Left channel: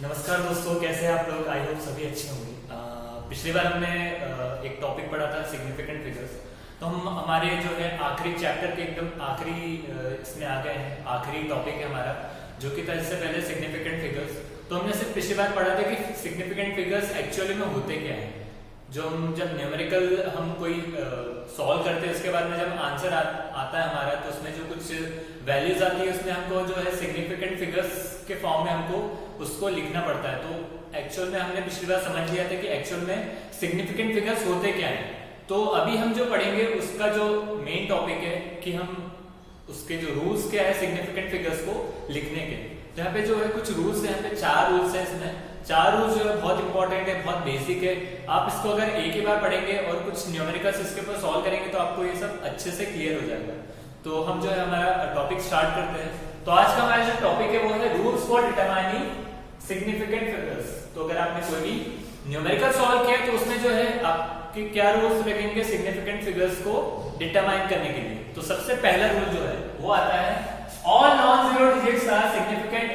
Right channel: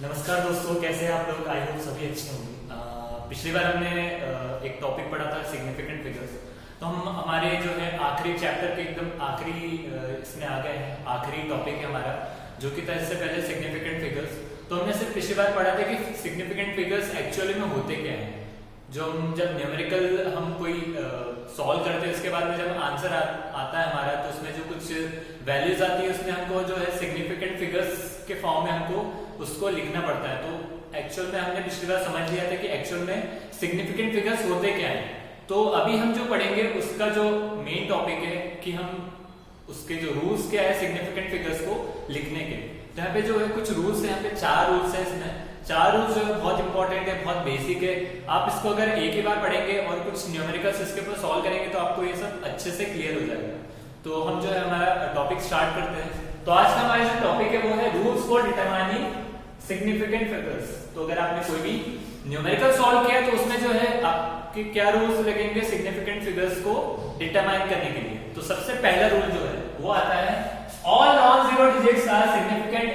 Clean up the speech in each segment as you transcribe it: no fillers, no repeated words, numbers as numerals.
नमस्कार दोस्तों, कैसे हैं आप लोग। आई होप सभी अच्छे होंगे। पिछली बार हमने एक टॉपिक पढ़ा था सिग्निफिकेंट फिगर्स। तो हम हमारे जो है आखिरी चैप्टर के एकदम आखिरी इसमें आ गए हैं। आखिरी टॉपिक है हमारा जो कि था इससे पहले सिग्निफिकेंट फिगर्स। तो हमने सिर्फ पिछली बार पढ़ा था कि सिग्निफिकेंट फिगर्स एक्चुअली में होते क्या है। जो हम जब न्यूमेरिकल हम कोई सॉल्व करते हैं उसके बाद में जब आंसर आता है हमारा, तो उसमें जो कुछ वैल्यूज आती है उसमें हमको जो है सिग्निफिकेंट फिगर्स के फॉर्म में हमको उसको लिखना पड़ता है। तो एक्चुअल में हमने पिछली बार समझ लिया था कि एक्चुअल में सिग्निफिकेंट फिगर्स होते क्या है। तो अभी हम जो पढ़ेंगे उसका जो मेन टॉपिक है कि हम उसके जो रूल्स क्या है सिग्निफिकेंट फिगर्स को लिखने के। तो यहाँ पे जो है कुछ रूल्स है, यहाँ पे 4 रूल्स है। इसमें 4 रूल्स जो है बहुत इंपॉर्टेंट है, बहुत बेसिक है। आप इसको अगर एक ही बार पढ़ेंगे और कुछ न्यूमेरिकल्स इसके ऊपर सॉल्व करेंगे तो आपको ये सब अच्छे से क्लियर हो जाएगा। तो हम जो है हमारा टॉपिक स्टार्ट करते हैं। तो आज का हमारा जो टॉपिक है वो है rules for determining significant figures. तो अगर आपने कोई भी न्यूमेरिकल सॉल्व किया तो उसमें जो है आपके क्या रूल्स लगेंगे सिग्निफिकेंट फिगर्स को डिटरमाइन करने के लिए। तो सबसे पहला रूल जो है वो आता है all non zero digits are significant.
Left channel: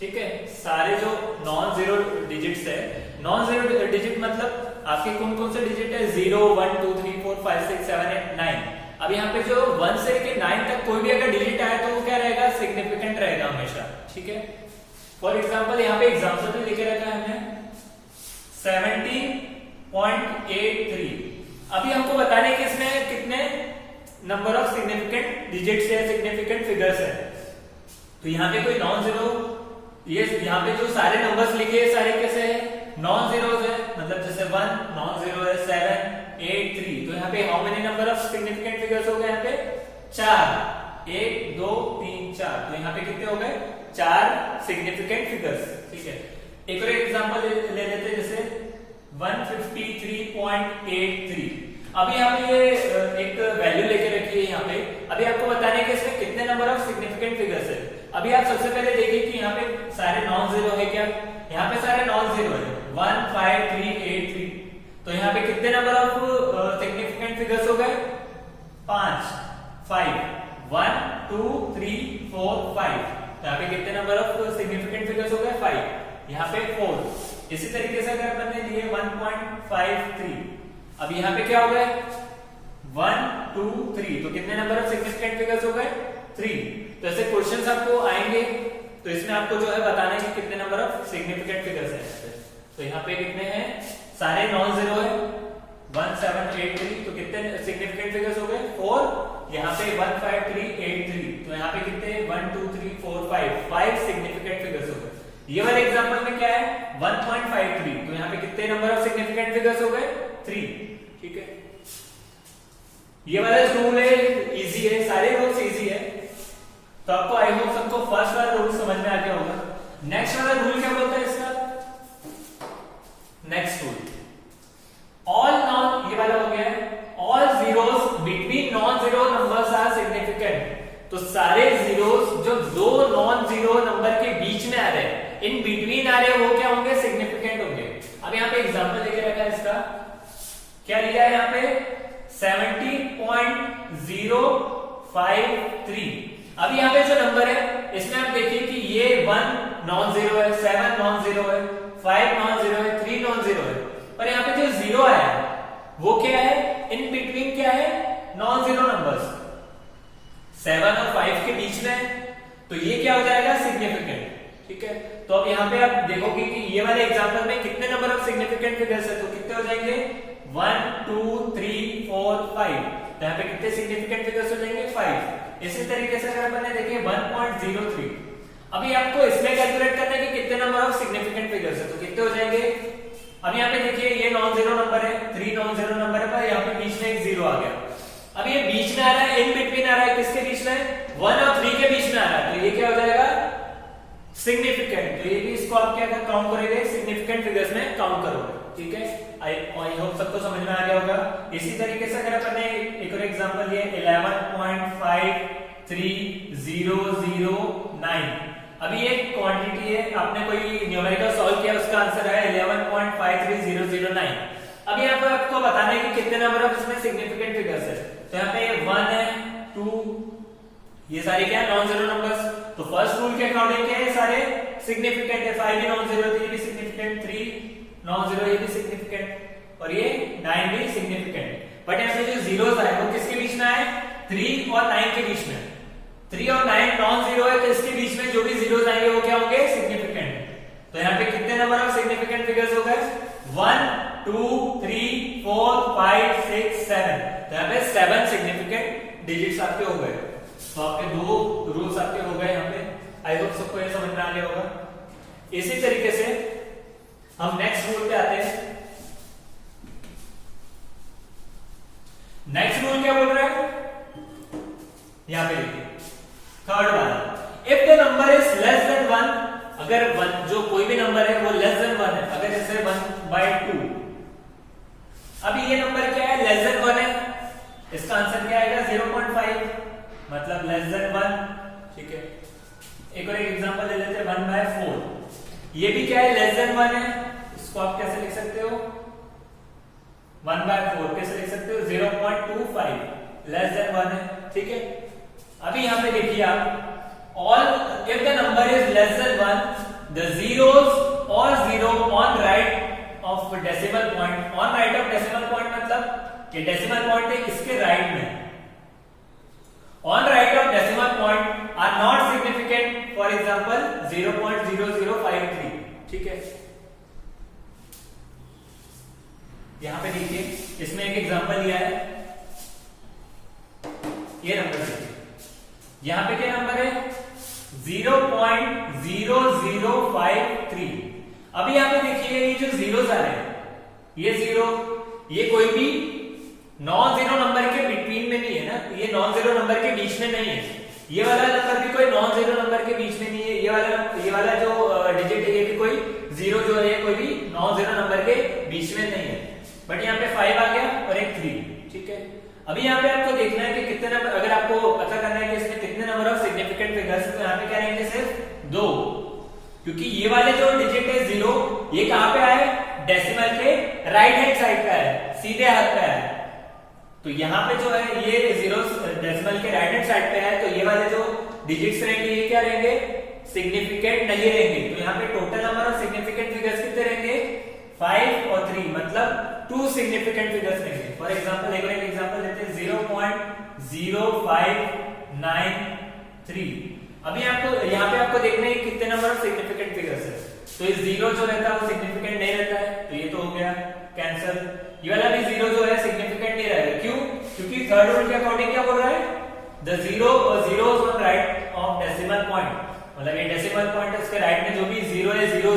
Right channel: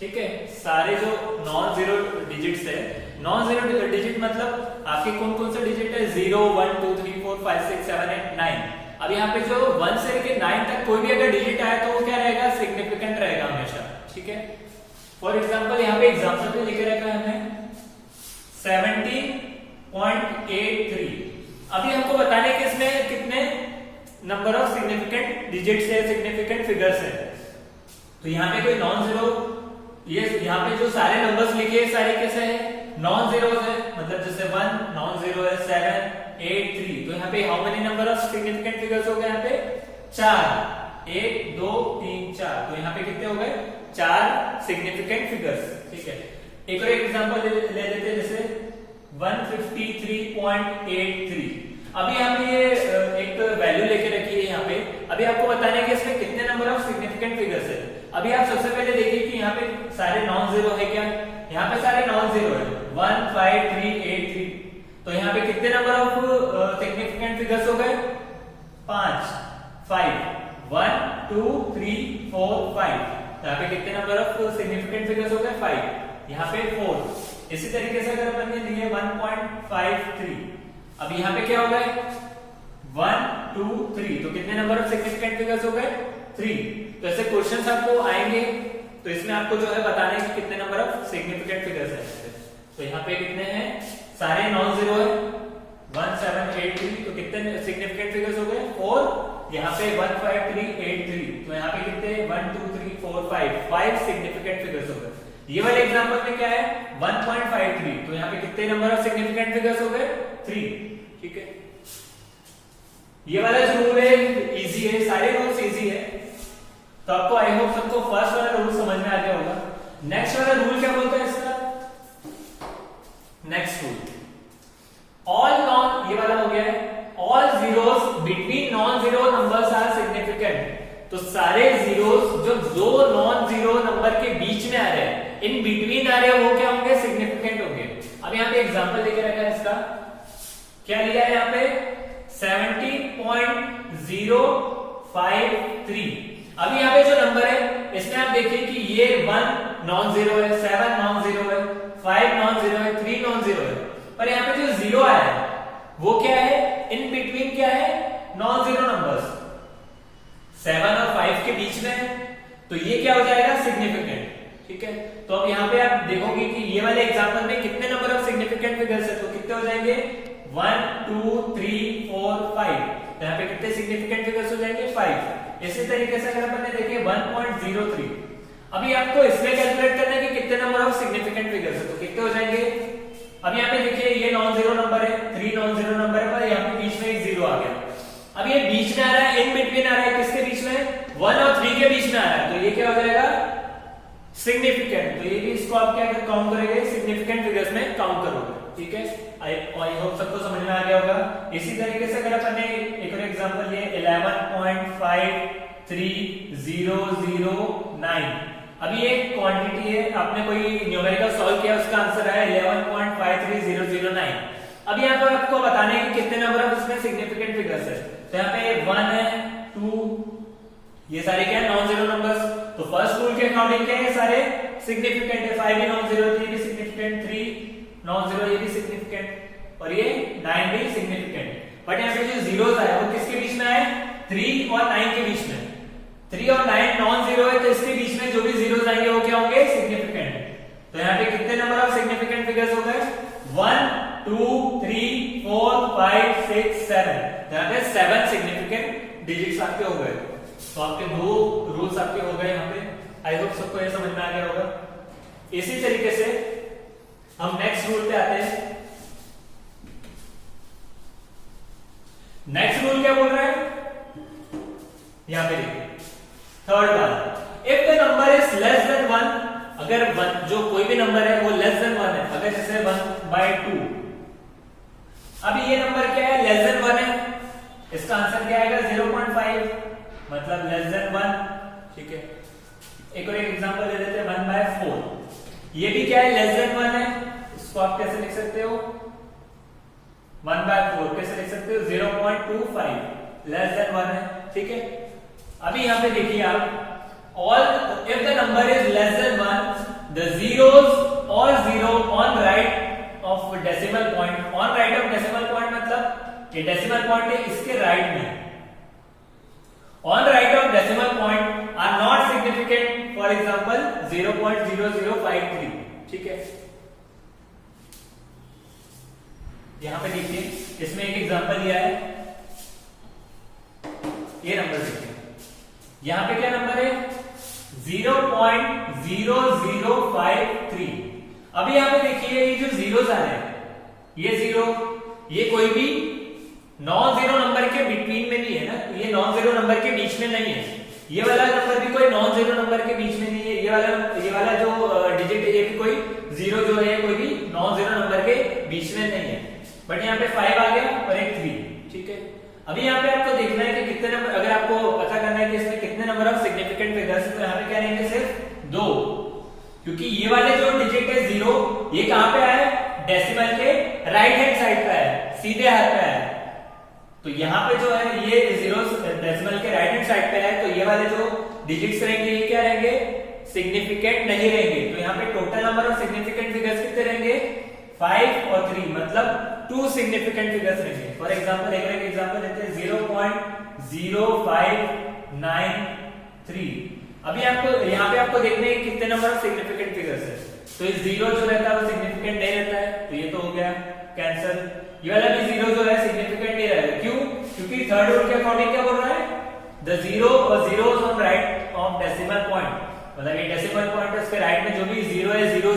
ठीक है, सारे जो नॉन जीरो डिजिट्स है, नॉन जीरो डिजिट मतलब आपके कौन कौन से डिजिट है, 0 1 2 3 4 5 6 7 8 9। अब यहाँ पे जो 1 से लेके 9 तक कोई भी अगर डिजिट आया तो वो क्या रहेगा, सिग्निफिकेंट रहेगा हमेशा। ठीक है, फॉर एग्जाम्पल यहाँ पे एग्जाम्पल पे लेके रखा है हमने 70.83। अभी हमको बताने कि इसमें कितने नंबर ऑफ सिग्निफिकेंट डिजिट्स है, सिग्निफिकेंट फिगर्स है। तो यहाँ पे कोई नॉन जीरो, ये यहाँ पे जो सारे नंबर्स लिखे हैं सारे कैसे है, नॉन जीरो है। मतलब जैसे 1 नॉन जीरो है, 7 8 3। तो यहाँ पे how many number of significant figures हो गए, यहाँ पे 4, 1 2 3 4। तो यहाँ पे कितने हो गए, 4 सिग्निफिकेंट फिगर्स। ठीक है, एक और एग्जांपल ले लेते हैं जैसे 153.83। अभी हम ये एक वैल्यू लेके रखी है यहाँ पे। अभी आपको बताना है कि इसमें कितने नंबर ऑफ सिग्निफिकेंट फिगर्स है। अभी आप सबसे पहले देखिए कि यहाँ पे सारे नॉन जीरो है क्या, यहाँ पे सारे नॉन जीरो है 1 5 3 8 3। तो यहाँ पे कितने नंबर ऑफ सिग्निफिकेंट फिगर्स हो गए, 5 1 2 3 4 5। यहाँ पे कितने नंबर ऑफ सिग्निफिकेंट फिगर्स हो गए, 5। यहाँ पे 4। इसी तरीके से अगर अपन ने लिए 1.53। अब यहाँ पे क्या हो गए, 1 2 3। तो कितने नंबर ऑफ सिग्निफिकेंट फिगर्स हो गए, 3। तो ऐसे क्वेश्चंस आपको आएंगे तो इसमें आपको जो है बताना है कि कितने नंबर ऑफ सिग्निफिकेंट फिगर्स है। तो यहाँ पे कितने हैं, सारे नॉन जीरो है 1 7 8 3। तो कितने सिग्निफिकेंट फिगर्स हो गए, 4। यहाँ पे 1 5 3 8 3। तो यहाँ पे कितने 1 2 3 4 5 सिग्निफिकेंट फिगर्स हो गए। ये वाले एग्जांपल में क्या है 1.53। तो यहाँ पे कितने नंबर ऑफ सिग्निफिकेंट फिगर्स हो गए, 3। ठीक है, ये वाला जो रूल है इजी है, सारे रूल्स इजी है। तो आपको आई होप सबको फर्स्ट वाला रूल समझ में आ गया होगा। नेक्स्ट वाला रूल क्या बोलता है इसका, नेक्स्ट रूल ऑल नॉन, ये वाला हो गया है all zeros between non zero numbers are significant. तो सारे जीरोस जो दो नॉन जीरो नंबर के बीच में आ रहे हैं, इन बिटवीन आ रहे हैं, वो क्या होंगे, सिग्निफिकेंट होंगे। अब यहाँ पे एग्जांपल लेके रखा है इसका, क्या लिया है यहाँ पे 70.053। अब यहाँ पे जो नंबर है इसमें आप देखिए कि ये 1 नॉन जीरो है, 7 नॉन जीरो है, 5 नॉन जीरो है, 3 नॉन जीरो है। पर यहाँ पे जो जीरो आया है वो क्या है, इन बिटवीन क्या है, नॉन जीरो नंबर्स 7 और 5 के बीच में। तो ये क्या हो जाएगा, सिग्निफिकेंट। ठीक है, तो अब यहाँ पे आप देखोगे कि ये वाले एग्जांपल में कितने नंबर ऑफ सिग्निफिकेंट फिगर्स है। तो कितने हो जाएंगे, 1 2 3 4 5। तो यहाँ पे कितने सिग्निफिकेंट फिगर्स हो जाएंगे, 5। इसी तरीके से अगर अपन ने देखे 1.03। अभी आपको इसमें कैलकुलेट करना है कि कितने नंबर ऑफ सिग्निफिकेंट फिगर्स है। तो कितने हो जाएंगे, अब यहाँ पे देखिए ये नॉन जीरो नंबर है, 3 नॉन जीरो नंबर है, पर यहाँ पे बीच में एक जीरो आ गया। अब ये बीच में आ रहा है, इन बिटवीन आ रहा है, किसके बीच में, 1 और 3 के बीच में आ रहा है। तो ये क्या हो जाएगा, सिग्निफिकेंट। तो ये भी इसको आप क्या काउंट करेंगे, सिग्निफिकेंट फिगर्स में काउंट करोगे। ठीक है, आई होप सबको समझ में आ गया होगा। इसी तरीके से अगर अपन ने एक और एग्जांपल लिए 11.5309। अभी ये क्वांटिटी है, आपने कोई न्यूमेरिकल सॉल्व किया, उसका आंसर है 11.53009। अब यहाँ पे आपको बताना है कि कितने नंबर ऑफ इसमें सिग्निफिकेंट फिगर्स है। तो यहाँ पे 1 है, 2, ये सारे क्या है, नॉन जीरो नंबर्स। तो फर्स्ट रूल के अकॉर्डिंग क्या है, सारे सिग्निफिकेंट है। 5 भी नॉन जीरो, 3 भी सिग्निफिकेंट, 3 नॉन जीरो, ये भी सिग्निफिकेंट, और ये 9 भी सिग्निफिकेंट। बट यहाँ पे जो जीरोस आए वो किसके बीच में आए, 3 और 9 के बीच में। 3 और 9 नॉन जीरो है, तो इसके बीच में जो भी जीरोस आएंगे वो क्या होंगे, सिग्निफिकेंट। तो यहाँ पे कितने नंबर ऑफ सिग्निफिकेंट फिगर्स हो गए, 1 2 3 4 5 6 7। यहाँ पे 7 सिग्निफिकेंट डिजिट्स आपके हो गए। तो आपके 2 रूल्स आपके हो गए यहाँ पे। आई होप सबको ये समझ में आ गया होगा। इसी तरीके से हम नेक्स्ट रूल पे आते हैं। नेक्स्ट रूल क्या बोल रहा है, यहां पे देखिए थर्ड वाला, if the number is less than 1, अगर जो कोई भी नंबर है वो लेस देन 1 है, अगर जैसे 1/2, अभी ये नंबर क्या है, लेस देन 1 है, इसका आंसर क्या आएगा 0.5, मतलब लेस देन 1। ठीक है, एक और एक एग्जांपल ले लेते हैं, 1/4, ये भी क्या है, लेस देन 1 है, इसको आप कैसे लिख सकते हो, 1/4 कैसे लिख सकते हो, 0.25, लेस देन 1 है। ठीक है, अभी यहां पे देखिए आप, all if the number is less than 1, the zeros और zero on right of decimal point, on right of decimal point मतलब ये डेसिमल पॉइंट है, इसके राइट में, on right of decimal point are not significant, for example 0.0053। ठीक है, यहां पे देखिए, इसमें एक एग्जांपल दिया है, ये नंबर देखिए, यहां पे क्या नंबर है, 0.0053। अभी यहां पे देखिए ये जो जीरोस आ रहे हैं, ये जीरो, ये कोई भी नॉन जीरो नंबर के बिटवीन में नहीं है ना, ये नॉन जीरो नंबर के बीच में नहीं है, ये वाला नंबर भी कोई नॉन जीरो नंबर के बीच में नहीं है, ये वाला जो डिजिट है ये भी कोई जीरो जो है कोई भी नॉन जीरो नंबर के बीच में नहीं है। बट यहाँ पे 5 आ गया और एक 3। ठीक है, अभी यहाँ पे आपको देखना है कि कितने नंबर, अगर आपको पता करना है कि इसमें कितने नंबर ऑफ सिग्निफिकेंट फिगर्स है, तो यहाँ पे क्या रहेंगे, सिर्फ 2, क्योंकि ये वाले जो डिजिट है 0, ये कहां पे आए, डेसिमल के राइट हैंड साइड पे है, सीधे हाथ पे है। तो यहाँ पे जो है ये जीरो डेसिमल के राइट हैंड साइड पे है, तो ये वाले जो डिजिट्स रहेंगे ये क्या रहेंगे, सिग्निफिकेंट नहीं रहेंगे। तो यहाँ पे total number of significant figures कितने रहेंगे, 5 और 3, मतलब 2 सिग्निफिकेंट फिगर्स रहेंगे। फॉर एग्जांपल एक और एक एग्जांपल लेते हैं, 0.0593। अभी आपको यहाँ पे आपको देखना है कितने नंबर ऑफ सिग्निफिकेंट फिगर्स है, तो ये 0 जो रहता है वो सिग्निफिकेंट नहीं रहता है, तो ये तो हो गया कैंसिल। ये वाला भी 0 जो है सिग्निफिकेंट नहीं रहेगा, क्यों, क्योंकि थर्ड रूल के अकॉर्डिंग क्या बोल रहा है, the zeros on right of decimal point, मतलब ये डेसिमल पॉइंट है उसके राइट में जो भी जीरो है, जीरो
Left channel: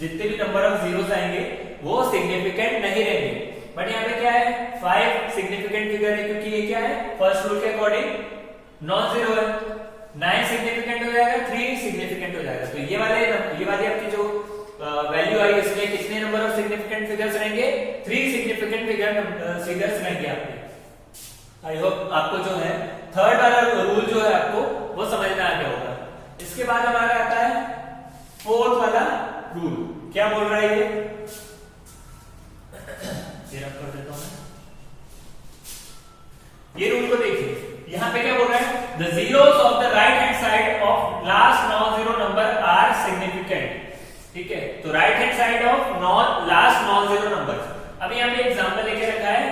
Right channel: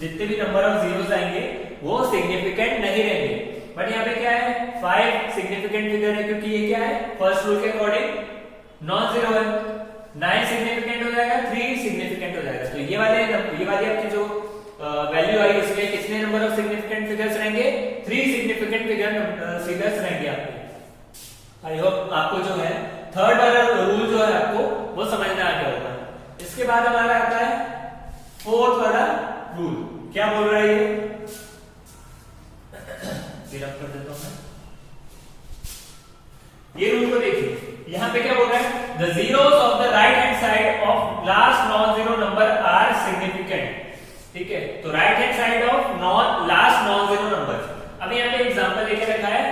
जितने भी नंबर ऑफ जीरोस आएंगे वो सिग्निफिकेंट नहीं रहेंगे। बट यहाँ पे क्या है, 5 सिग्निफिकेंट फिगर है, क्योंकि ये क्या है, फर्स्ट रूल के अकॉर्डिंग नॉन जीरो है। 9 सिग्निफिकेंट हो जाएगा, 3 सिग्निफिकेंट हो जाएगा। तो ये वाली आपकी जो वैल्यू आई, इसमें कितने नंबर ऑफ सिग्निफिकेंट फिगर्स रहेंगे, 3 सिग्निफिकेंट फिगर्स रहेंगे आपके। आई होप आपको जो है थर्ड वाला रूल जो है आपको वो समझना आ गया होगा। इसके बाद हमारा आता है फोर्थ वाला रूल, क्या बोल रहा है ये, रब कर देता हूं। ये रूल को देखिए, यहां पे क्या बोल रहा है, the zeros of the right hand side of last non zero number are significant. ठीक है, तो right hand side of last non zero number. अभी यहाँ पे एग्जांपल लेके रखा है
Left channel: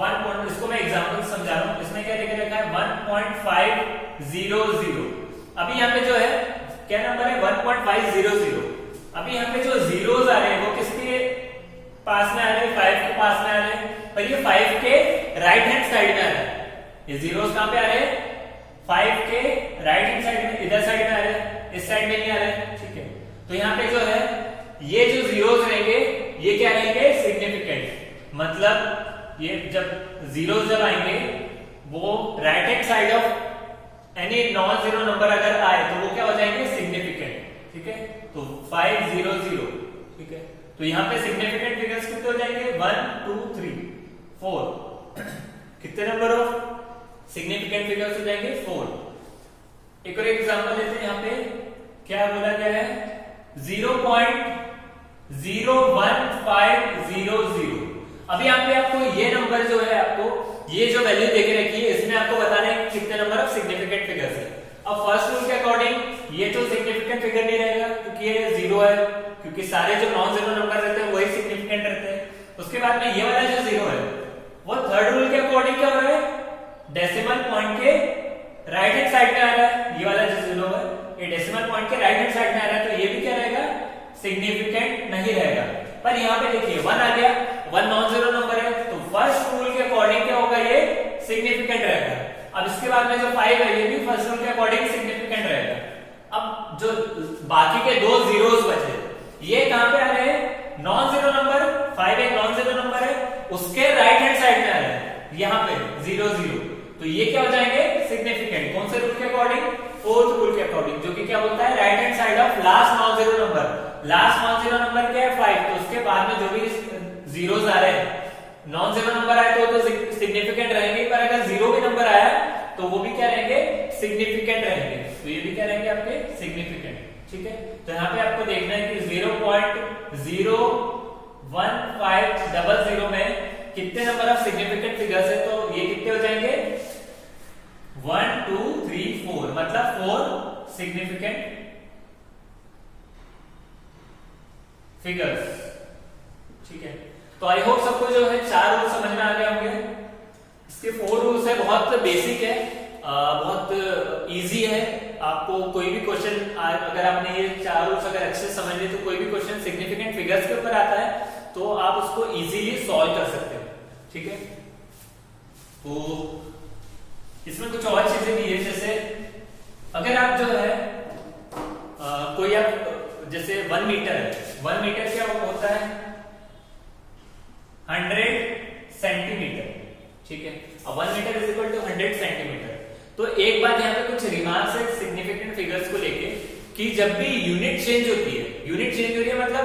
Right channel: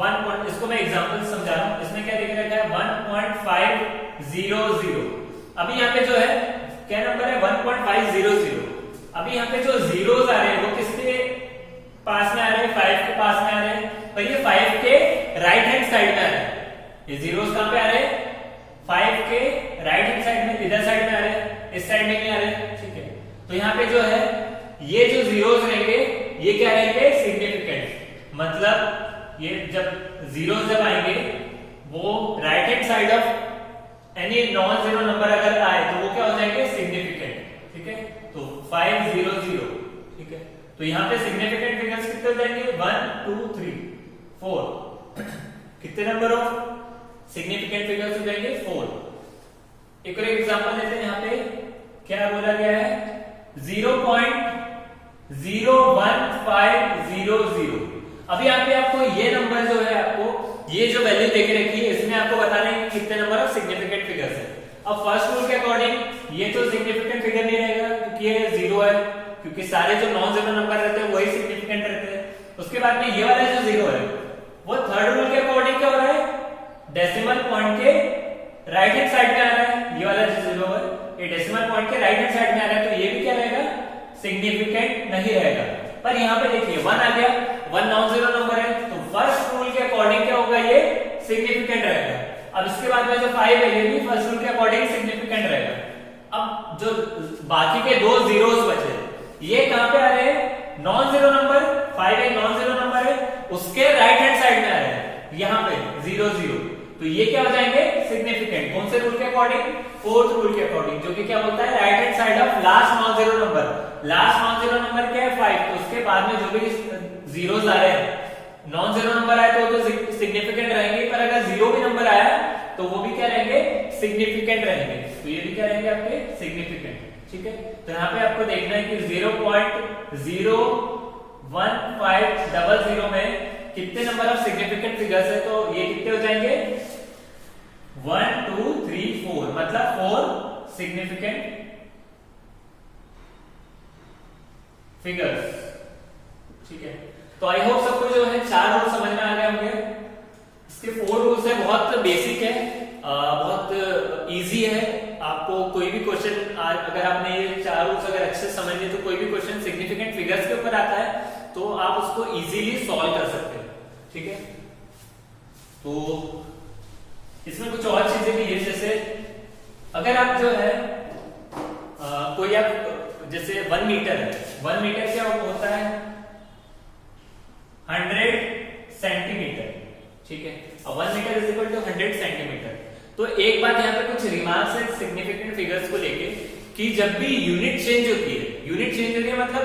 1, इसको मैं एग्जांपल समझा रहा हूं, इसमें क्या लेके रखा है 1.500। अभी यहाँ पे जो है क्या नंबर है, 1.500। अभी यहाँ पे जो जीरोस आ रहे हैं वो किसके पास में आ रहे हैं, 5 के पास में आ रहे हैं, पर ये 5 के राइट हैंड साइड में आ रहे हैं। ये जीरोस कहां पे आ रहे हैं, 5 के राइट हैंड साइड में, इधर साइड में आ रहे हैं, इस साइड में नहीं आ रहे हैं। ठीक है, तो यहाँ पे जो है ये जो जीरोस रहेंगे ये क्या रहेंगे, सिग्निफिकेंट, मतलब ये जब जीरोस जब आएंगे वो right hand side of any non zero number अगर आए तो वो क्या हो जाएंगे, सिग्निफिकेंट। ठीक है, तो 500। ठीक है, तो यहाँ पे सिग्निफिकेंट फिगर्स कितने हो जाएंगे, 1 2 3 4। कितने नंबर ऑफ सिग्निफिकेंट फिगर्स हो जाएंगे, 4। एक और एग्जांपल लेते हैं, यहाँ पे क्या बोला गया है, 0.01500। अभी यहाँ पे आपको ये नंबर जो है, आपको ये जो वैल्यू देके रखी है, इसमें आपको बताना है कितने नंबर ऑफ सिग्निफिकेंट फिगर्स है। अब फर्स्ट रूल के अकॉर्डिंग ये तो सिग्निफिकेंट फिगर नहीं रहेगा क्योंकि ये जीरो है, क्योंकि सारे जो नॉन जीरो नंबर रहते हैं वही सिग्निफिकेंट रहते हैं। उसके बाद में ये वाला जो जीरो है वो थर्ड रूल के अकॉर्डिंग क्या हो रहा है, डेसिमल पॉइंट के राइट हैंड साइड में आ रहा है। ये वाला जो जीरो है ये डेसिमल पॉइंट के राइट हैंड साइड में आ रहा है, तो ये भी क्या रहेगा, सिग्निफिकेंट नहीं रहेगा। पर यहाँ पे देखिए 1 आ गया, 1 नॉन जीरो नंबर है, तो फर्स्ट रूल के अकॉर्डिंग क्या होगा, ये सिग्निफिकेंट रहेगा। अब इसके बाद में जो 5 है ये भी फर्स्ट रूल के अकॉर्डिंग सिग्निफिकेंट रहेगा। अब जो बाकी के दो जीरोस बचे ये कहां पे आ रहे हैं, नॉन जीरो नंबर, 5 एक नॉन जीरो नंबर है, उसके राइट हैंड साइड में आ रहे हैं यहाँ पे 0 0, तो ये क्या हो जाएंगे, सिग्निफिकेंट। कौन से रूल के अकॉर्डिंग, फोर्थ रूल के अकॉर्डिंग, जो कि क्या बोलता है, right hand side of last non zero number. Last non zero number क्या है, 5, तो उसके बाद में जो भी जीरोस आ रहे हैं, नॉन जीरो नंबर आए तो सिग्निफिकेंट रहेंगे, पर अगर जीरो भी नंबर आया तो वो भी क्या रहेंगे, सिग्निफिकेंट रहेंगे। तो ये भी क्या रहेंगे आपके, सिग्निफिकेंट। ठीक है, तो यहाँ पे आपको देखना है कि 0.01500 में कितने नंबर ऑफ सिग्निफिकेंट फिगर्स है, तो ये कितने हो जाएंगे, 1 2 3 4, मतलब 4 सिग्निफिकेंट फिगर्स। ठीक है, तो आई होप सबको जो है 4 रूल समझ में आ गए होंगे। इसके 4 रूल्स है, बहुत बेसिक है, बहुत इजी है। आपको कोई भी क्वेश्चन अगर आपने ये 4 रूल्स अगर अच्छे से समझ लिए तो कोई भी क्वेश्चन सिग्निफिकेंट फिगर्स के ऊपर आता है तो आप उसको इजीली सॉल्व कर सकते हो। ठीक है, तो इसमें कुछ और चीजें भी है, जैसे अगर आप जो है कोई आप जैसे 1 मीटर है, 1 मीटर क्या होता है, 100 सेंटीमीटर। ठीक है, 1 metre is equal to 100 centimetre. तो एक बात यहाँ पे कुछ रिमार्क्स है सिग्निफिकेंट फिगर्स को लेके कि जब भी यूनिट चेंज होती है, यूनिट चेंज हो रही है मतलब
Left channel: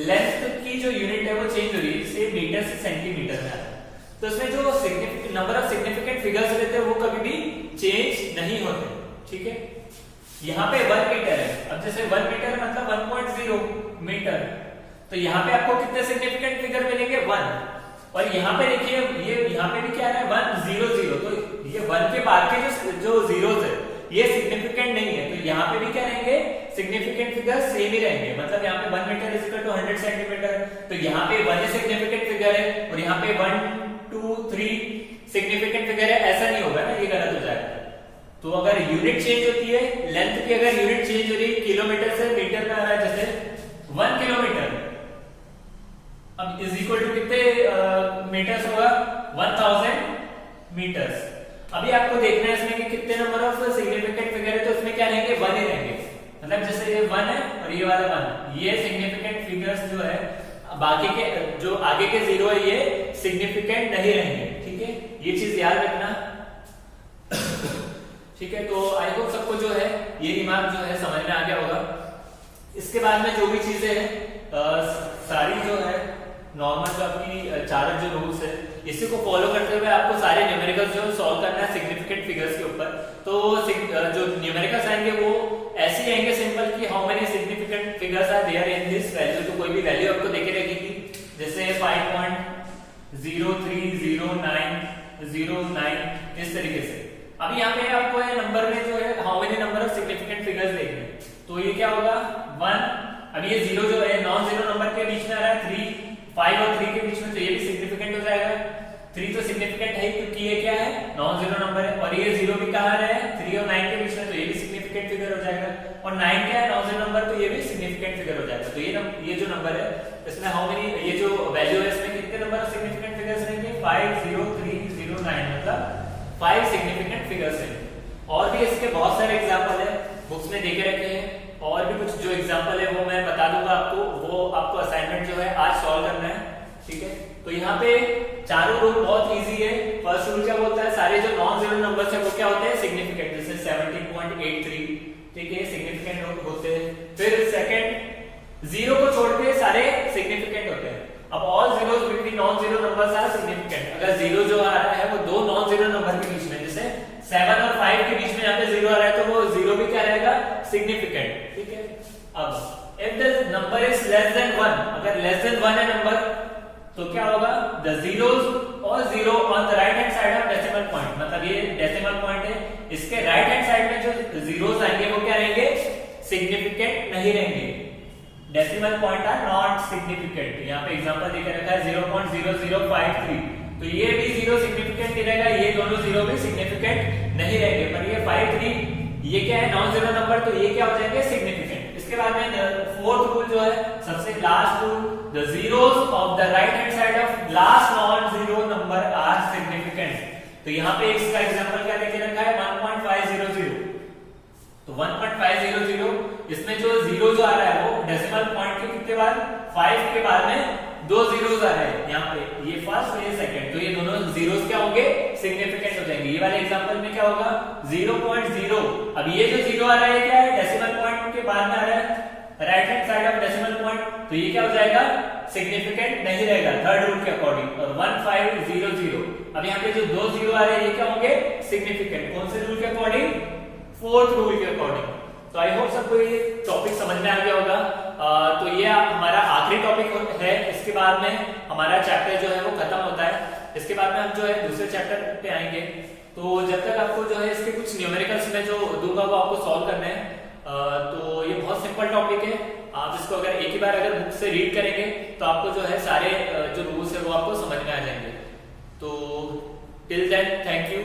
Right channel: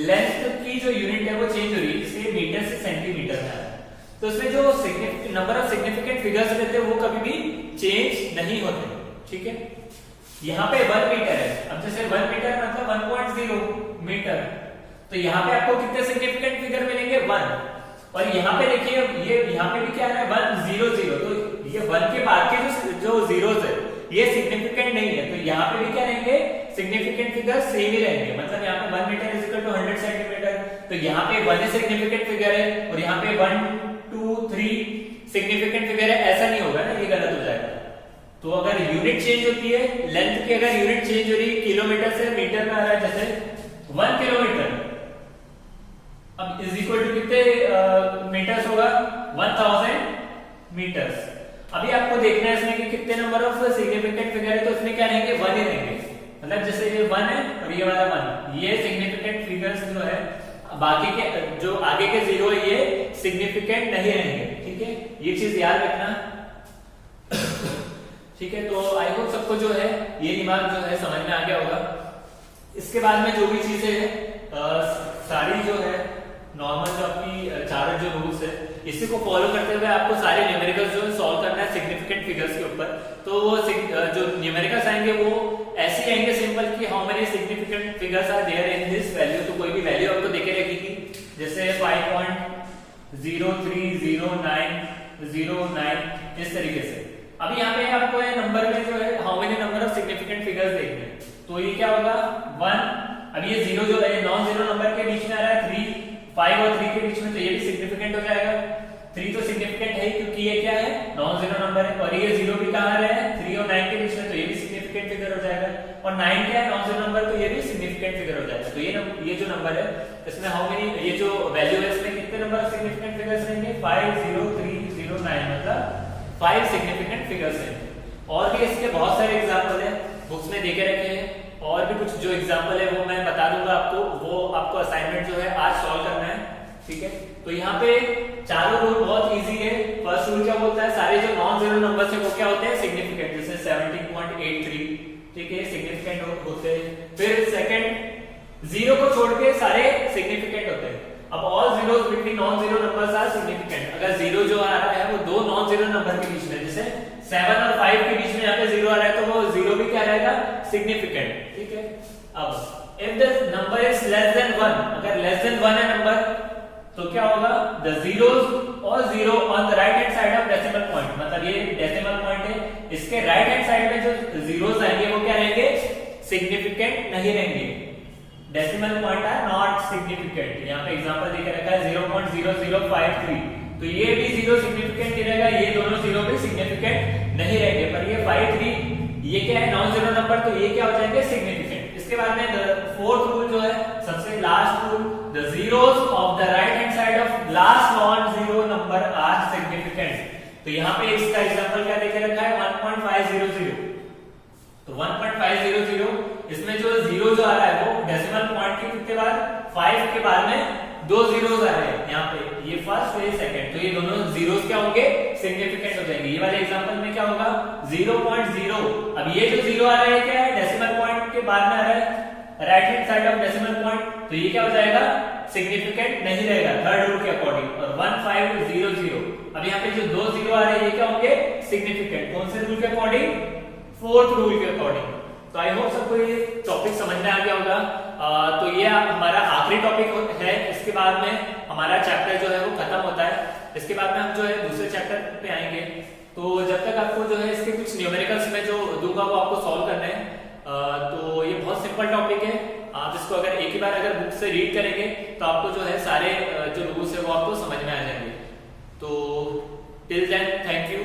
लेंथ की जो यूनिट है वो चेंज हो रही है, जैसे मीटर से सेंटीमीटर में आ रहा है, तो इसमें जो नंबर ऑफ सिग्निफिकेंट फिगर्स रहते हैं वो कभी भी चेंज नहीं होते। ठीक है, यहाँ पे 1 मीटर है, अब जैसे 1 मीटर मतलब 1.0 मीटर, तो यहाँ पे आपको कितने सिग्निफिकेंट फिगर मिलेंगे, 1। और यहाँ पे देखिए ये यहाँ पे भी क्या है, 1 0 0, तो ये 1 के बाद के जो जीरोस है ये सिग्निफिकेंट नहीं है, तो यहाँ पे भी क्या रहेंगे, सिग्निफिकेंट फिगर सेम ही रहेंगे। मतलब यहाँ पे 1 metre is equal to 100 centimetre, तो यहाँ पे 1 सिग्निफिकेंट फिगर है और यहाँ पे 1 2 3 सिग्निफिकेंट फिगर है, ऐसा नहीं होगा ना, ये गलत हो जाएगा। तो अगर यूनिट चेंज होती है, लेंथ की अगर यूनिट चेंज हो रही है, किलोमीटर से मीटर में आ रहा है, जैसे 1 किलोमीटर अब इज इक्वल टू कितने मीटर्स होगा, 1000 मीटर्स। अभी आपको देखना है इसमें कि कितने नंबर ऑफ सिग्निफिकेंट फिगर है, तो इसमें क्या रहेंगे, 1 ही रहेंगे। मतलब जैसे ये 1 है और ये वाला 1, ये सिग्निफिकेंट फिगर्स जो है, बाकी के जो आगे के जीरो है ये सिग्निफिकेंट नहीं रहेंगे। ठीक है, ये चीज याद रखना। ठीक है, तो आई होप सबको जो है ये दिमाग जो है समझ में आ गया होगा। इसके बाद में जो भी चीजें है सारी जो है नॉर्मल जो आपकी चारों जो रूल्स है इसी को फॉलो करते हुए आपको सारे न्यूमेरिकल्स जो सॉल्व करना है सिग्निफिकेंट फिगर्स के ऊपर। तो जो न्यूमेरिकल्स आएंगे वो ऐसे आएंगे सिंपल कि how many significant figures are there in this value, तो कोई भी वैल्यू आपको देके रहेगी, जैसे 5.0300909 इस तरीके से। अभी यहाँ पे आपको नंबर में जो है how many number of significant figures देखने, तो ये क्या होगा 1। अभी ये 0 जो है नॉन जीरो नंबर के बीच में आ रहा है, 3 5 और 3 के बीच में, तो ये भी सिग्निफिकेंट हो जाएगा। 3 तो सिग्निफिकेंट है क्योंकि ये क्या है, नॉन जीरो नंबर है, और ये 0 भी कहाँ आ रहा है, 3 और 9 के बीच में, तो ये भी सिग्निफिकेंट फिगर हो जाएगा। और 9 क्या है, नॉन जीरो नंबर, तो ये भी सिग्निफिकेंट फिगर हो जाएगा। तो ये जो नंबर है इसमें हाउ मेनी, ये जो वैल्यू है इसमें कितने नंबर ऑफ सिग्निफिकेंट फिगर्स रहेंगे, 50309, मतलब 5 सिग्निफिकेंट फिगर्स हैं। और भी इसके बहुत सारे एग्जाम्पल है, बुक्स में देके रखे हैं, और भी कुछ जो एग्जाम्पल है वो मैं बता दूंगा आपको, वो आपको असाइनमेंट जो है आज सॉल्व करना है। ठीक है, तो यहाँ पे चारों रूल बहुत इजी है। फर्स्ट रूल क्या बोलता है, सारे जो नॉन जीरो नंबर्स है वो क्या होते हैं, सिग्निफिकेंट, जैसे 17.83, ठीक है, सिग्निफिकेंट होते हैं। फिर सेकंड, जीरो को छोड़ के सारे सिग्निफिकेंट होते हैं। अब all zeros between non zero numbers are significant. अगर जीरो जो आ रहा है वो दो नॉन जीरो नंबर के बीच में, जैसे 7 और 5 के बीच में यहाँ पे जीरो आ रहा है, तो वो जीरो भी क्या रहेगा, सिग्निफिकेंट। ठीक है, अब if the number is less than 1, अगर लेस देन 1 है नंबर, तो क्या होगा, द जीरोज और zero on the right hand side of decimal point, मतलब ये डेसिमल पॉइंट है, इसके राइट हैंड साइड में जो जीरोज आएंगे वो क्या रहेंगे, सिग्निफिकेंट नहीं रहेंगे, decimal point are not significant. यहाँ पे एग्जांपल देकर रखा है 0.0053, तो ये भी जीरो सिग्निफिकेंट नहीं रहेगा, ये दोनों जीरो भी सिग्निफिकेंट नहीं रहेंगे, पर ये 53 ये क्या है, नॉन जीरो नंबर, तो ये क्या हो जाएंगे, सिग्निफिकेंट। इसके बाद में फोर्थ रूल जो है, सबसे last rule, the zeros of the right hand side of last non zero number are significant. तो यहाँ पे इसका एग्जांपल क्या देके रखा है, 1.500, तो 1.500 इसमें जो जीरो जो आ रहा है वो डेसिमल पॉइंट के कितने बाद, 5 के बाद में दो जीरोस आ रहे हैं यहाँ पे, ये फर्स्ट और ये सेकंड, तो ये दोनों जीरोस क्या होंगे, सिग्निफिकेंट हो जाएंगे। ये वाले एग्जांपल में क्या होगा, 0.0, अब ये जो जीरो आ रहा है क्या है, डेसिमल पॉइंट के बाद में आ रहा है right hand side of decimal point, तो ये क्या हो जाएगा, सिग्निफिकेंट नहीं रहेगा थर्ड रूल के अकॉर्डिंग। और 1500, अब यहाँ पे जो दो जीरो आ रहे हैं ये क्या होंगे, सिग्निफिकेंट, कौन से रूल के अकॉर्डिंग, फोर्थ रूल के अकॉर्डिंग। तो आई होप सबको ये टॉपिक समझ में आ गया होगा। तो ये हमारा आखिरी टॉपिक है, इसके बाद में हमारा चैप्टर जो है वो खत्म होता है, इसके बाद में हम जो है दूसरे चैप्टर पे आएंगे। तो जब तक आपको जो है इसके कुछ न्यूमेरिकल्स में जो दूंगा वो आपको सॉल्व करना है। तो ये बहुत सिंपल टॉपिक है, आप इसको अगर एक ही बार अगर बुक से रीड करेंगे तो आपको जो है सारे जो रूल्स है वो आपको समझ में आ जाएंगे। तो टिल देन थैंक यू।